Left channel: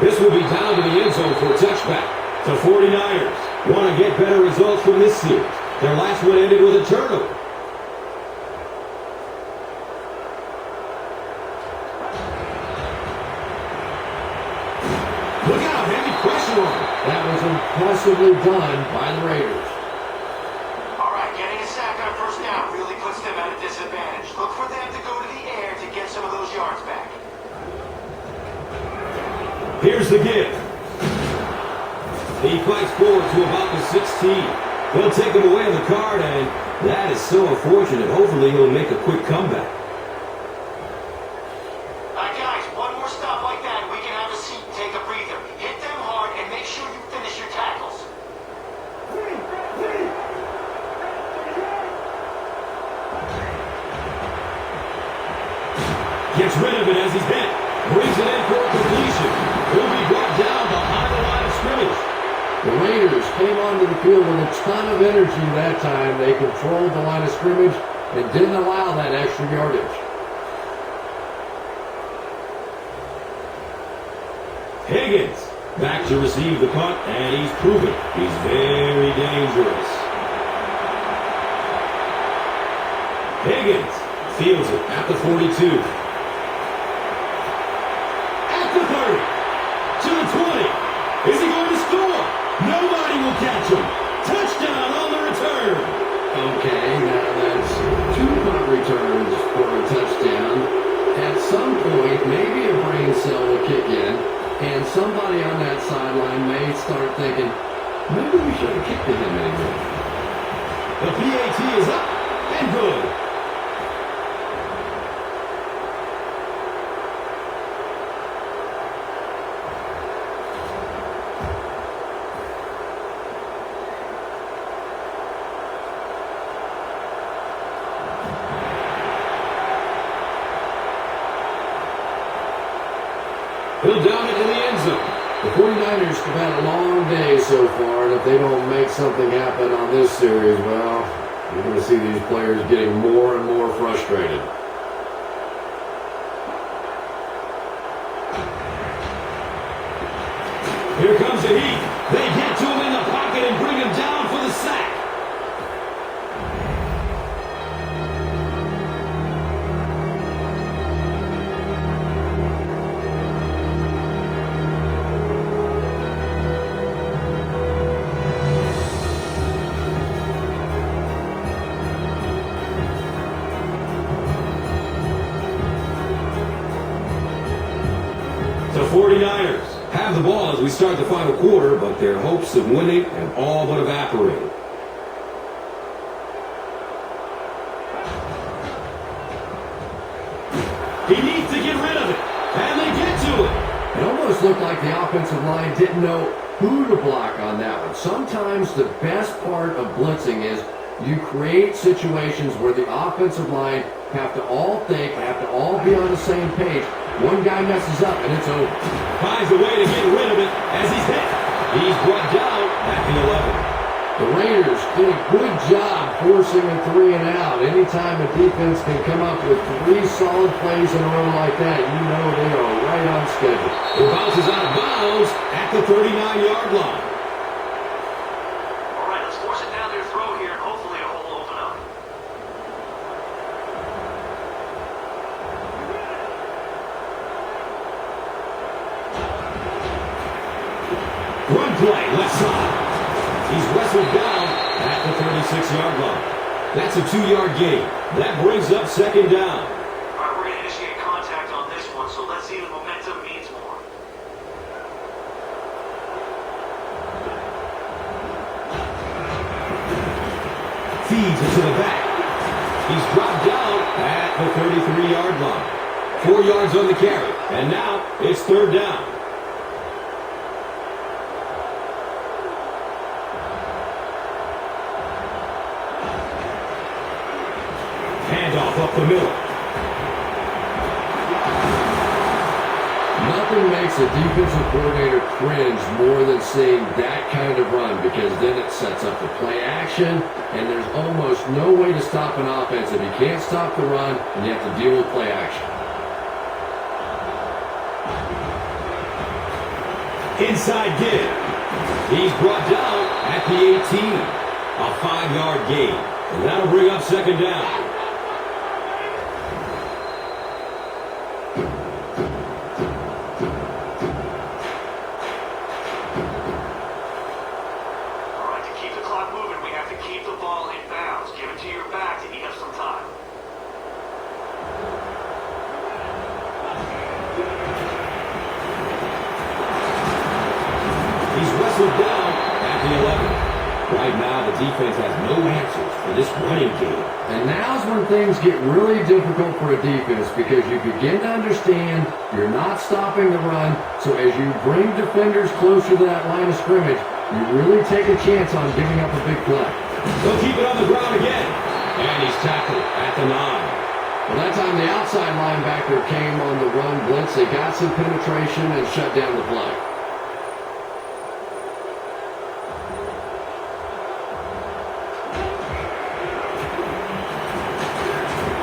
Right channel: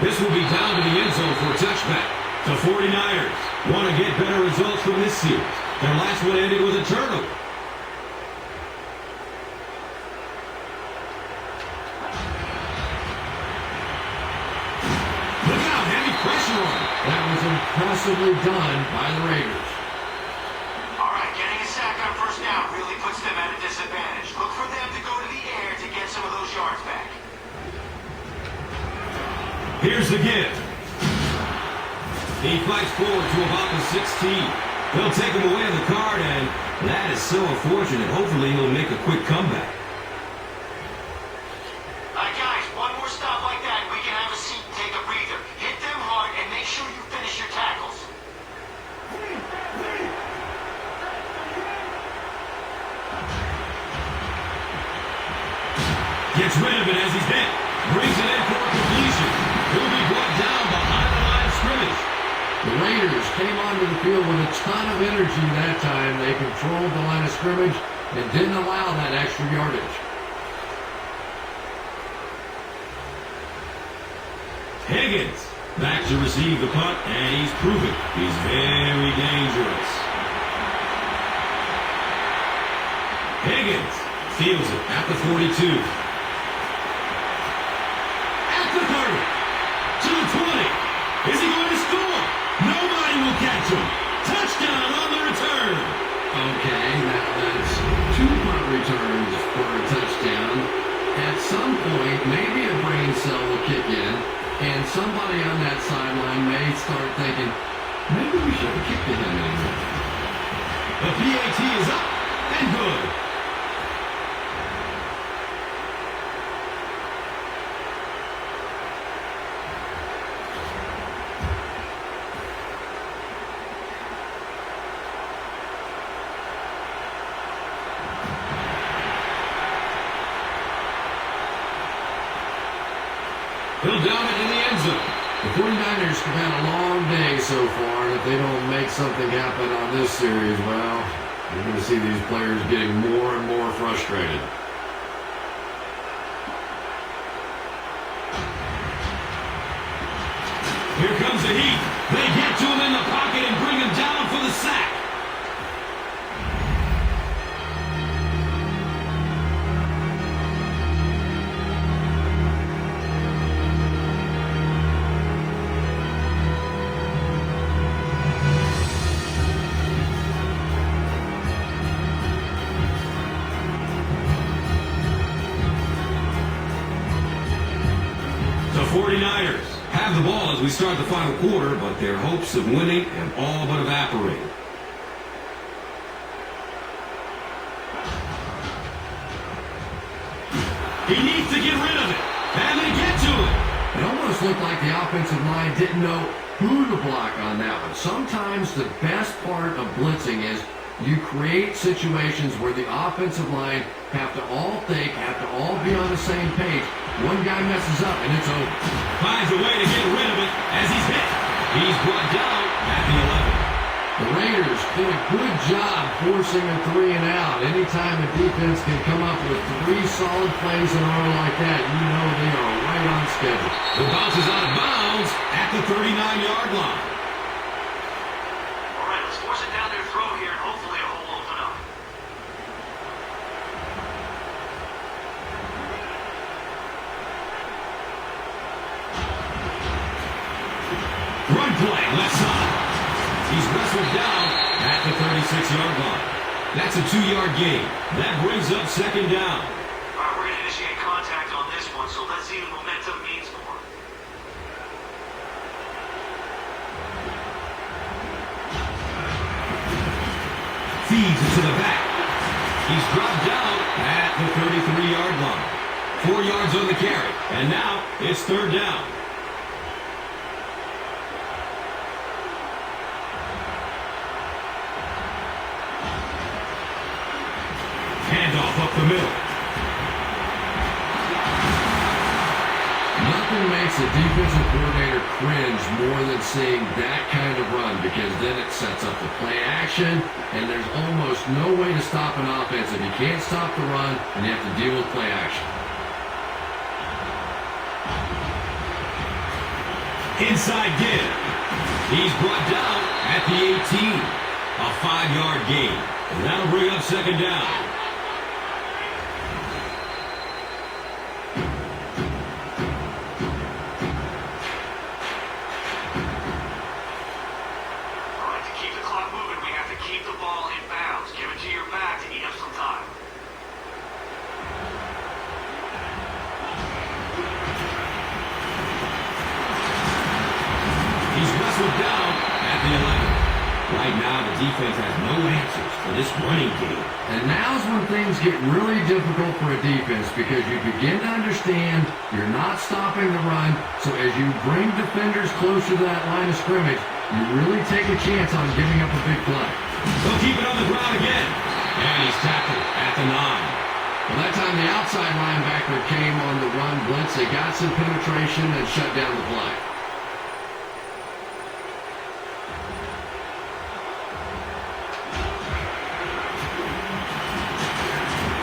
This will be down to the end zone for a touchback. The 49ers want to get better results from this series. Their last one ended with a turnover. Look out, heavy pressure on him. That was impressively done by the Raiders. All right, getting a sack on first down really puts them at a disadvantage. Look for them to go to the air to get some of those yards back. Here's the give. He fights forward to about the 16. They'll take him away on the card, and that is so unfortunate. Hopefully he'll make a quick comeback. Guys, one more stop like that, and we can have a seat and take a breather. Hit them hard, and make sure you finish your tackles. Gets rid of it as he's hit. Brings it in for a completion. He'll be brought down behind the line of scrimmage. The Raiders came onto the field with a ton of energy that time. They controlled the line of scrimmage and didn't allow that extra yardage. Higgins back to receive the punt, and he's proven he's very dangerous. Higgins fields it at the 42. At the 30. To the 20. Is he going to score? Nobody will catch him. Touchdown on the return. Okay, now that's 2 punt returns for a touchdown. At some point, maybe a brain cell will kick in, and somebody on that sideline may start thinking, maybe we shouldn't kick to him anymore. The PAT is up and good. He'll down it in the end zone. The 49ers have had a long day so far, and if they don't make something happen on this series, well, you're going to see these players getting more and more frustrated. Here comes the heat. They get to him in the pocket and bring him down for the sack. The 49ers have the ball as we start the final quarter, but their hopes of winning have all but evaporated. He needs to get rid of it, and they get to it. It almost looked like the offensive line didn't know who to block on that one. Sometimes the best part of blitzing is you create situations where the offensive line have to all think, have to all be on the same page. One guy messes up, and it's over. Finds a way to get rid of it as he's hit. He's brought down at the 11. The Raiders did a good job forcing a 3 and out. Anytime a defense can come up with 3 solid plays in a row like that, you know they are right on schedule. It bounces out of bounds at the 39-yard line. All right, let's force it down their throat here, and hopefully a hole will open up. Run play, left side. He's wrestled down at the 36-yard line. That's a 2-yard gain. That brings up second down. All right, we're going to initiate contact on this one, so let's see if momentum means more. Feeds it to the back. He's dropped down at the 33-yard line. 4 yards on the carry. And now it's third down. Handoff up the middle. Nothing makes a defensive coordinator cringe more than seeing that kind of run, because then it sets up the play action, and there's almost no way to stop an offense if you can't stop the run and you have to deal with play action. Inside give. He's brought down at the 18. A 5-yard gain. And that'll bring up second down. All right, to keep the clock moving, we have to keep the ball in bounds. Give it to your back to eat up some time. He's wrestled down at the 11. Right now, the defense has no answers for this running game. And now's when things get really difficult for a defense because you begin to understand you're not stopping the run. So as you bring defenders closer to that line of scrimmage, you really take a chance on giving up a big play. They'll keep it on the ground again. And he's tackled at the 9. Well, that time the outside linebacker came on the run blitz. They got some penetration and shut down the play.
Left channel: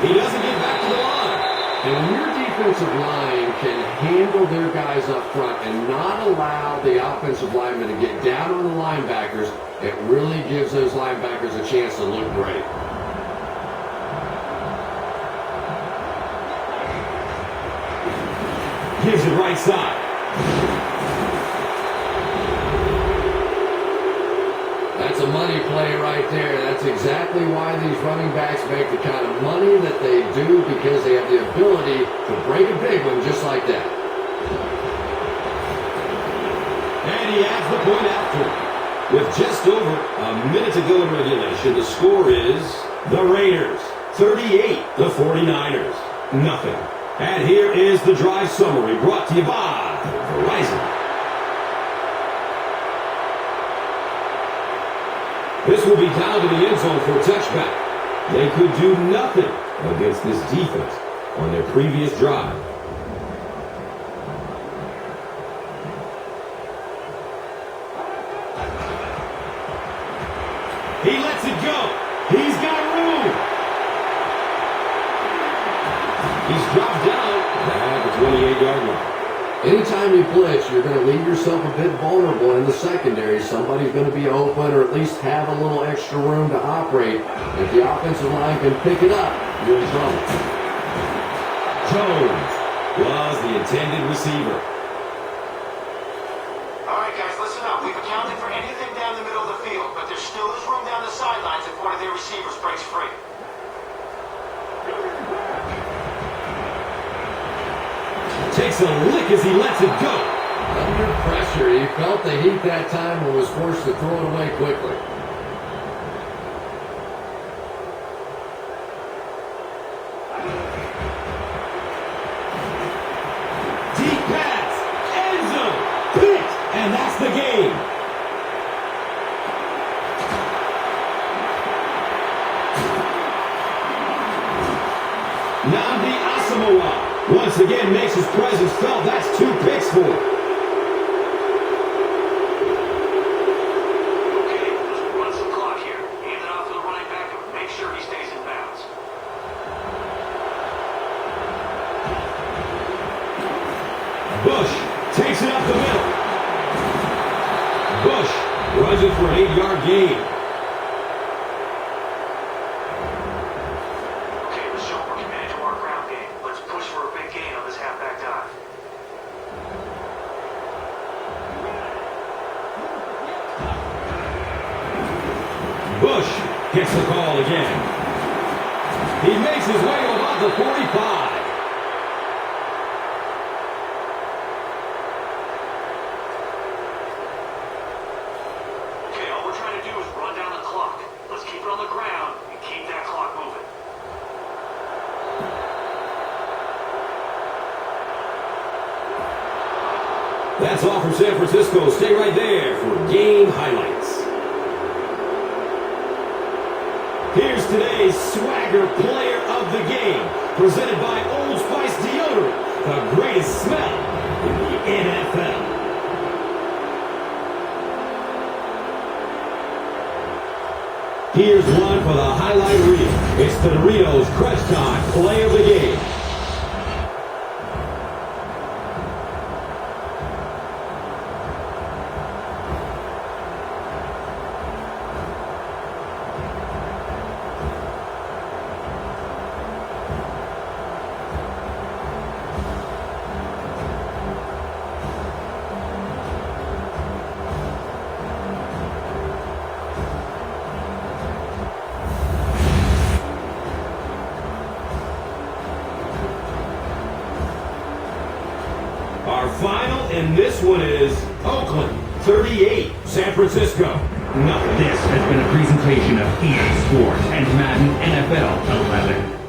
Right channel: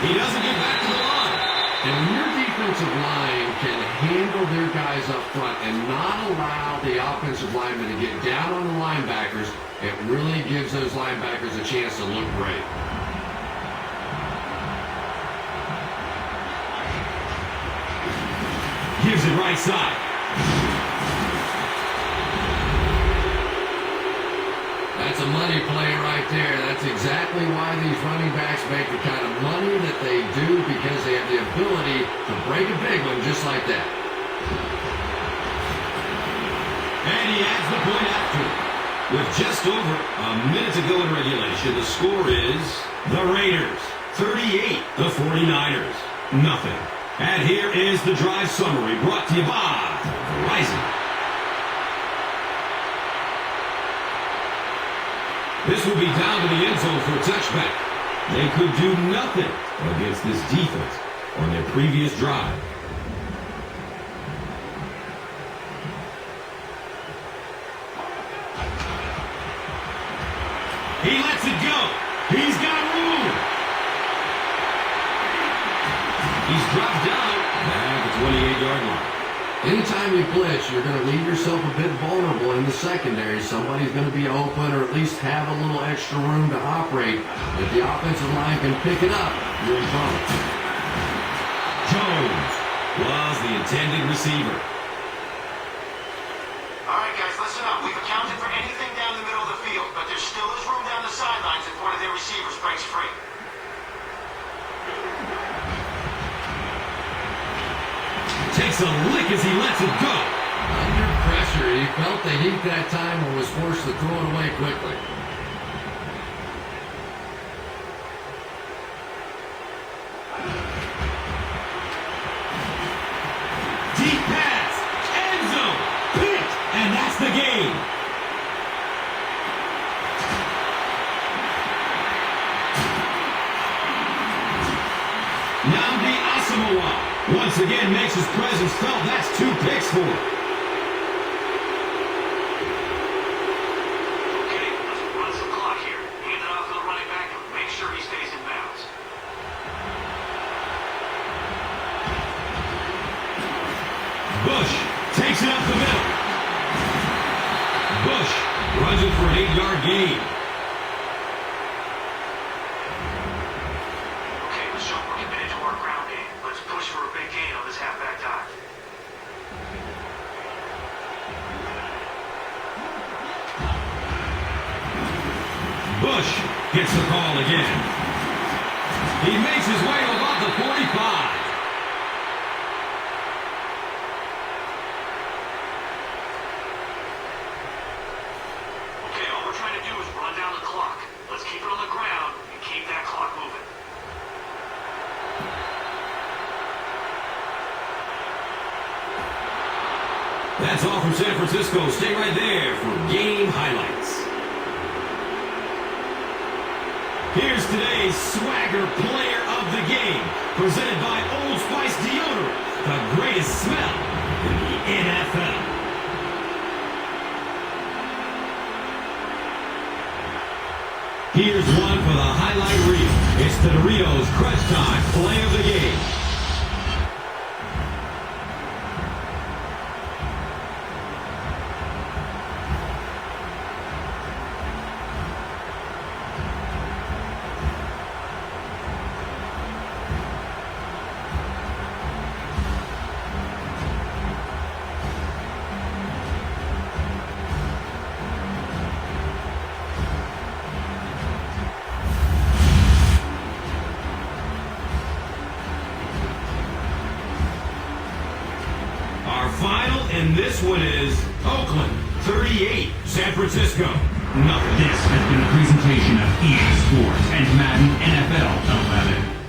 He doesn't get back to the line. And when your defensive line can handle their guys up front and not allow the offensive linemen to get down on the linebackers, it really gives those linebackers a chance to look great. Gives it right side. That's a money play right there. That's exactly why these running backs make the kind of money that they do, because they have the ability to break a big one just like that. And he adds the point after. With just over a minute to go in regulation, the score is the Raiders 38, the 49ers nothing. And here is the drive summary brought to you by Verizon. This will be down to the end zone for a touchback. They could do nothing against this defense on their previous drive. He lets it go. He's got room. He's dropped down at the 28-yard line. Anytime you blitz, you're going to leave yourself a bit vulnerable in the secondary. Somebody's going to be open or at least have a little extra room to operate. If the offensive line can pick it up, you're in trouble. Jones was the intended receiver. All right, guys, listen up. We've accounted for anything down the middle of the field, but there still is room down the sidelines if one of their receivers breaks free. Takes a lick as he lets it go. Under pressure, he felt the heat that time and was forced to throw it away quickly. Deep pass, end zone, picked, and that's the game. Nnamdi Asamoah once again makes his presence felt. That's 2 picks for him. Okay, let's run some clock here. Hand it off to the running back and make sure he stays in bounds. Bush takes it up the middle. Bush runs it for an 8-yard gain. Okay, let's show we're committed to our ground game. Let's push for a big gain on this halfback dive. Bush gets the call again. He makes his way to about the 45. Okay, all we're trying to do is run down the clock. Let's keep it on the ground and keep that clock moving. That's all from San Francisco. Stay right there for game highlights. Here's today's Swagger Player of the Game, presented by Old Spice Deodorant, the greatest smell in the NFL. Here's one for the highlight reel. It's the Doritos Crunch Time Play of the Game. And this one is Oakland 38, San Francisco nothing. This has been a presentation of EA Sports and Madden NFL 11.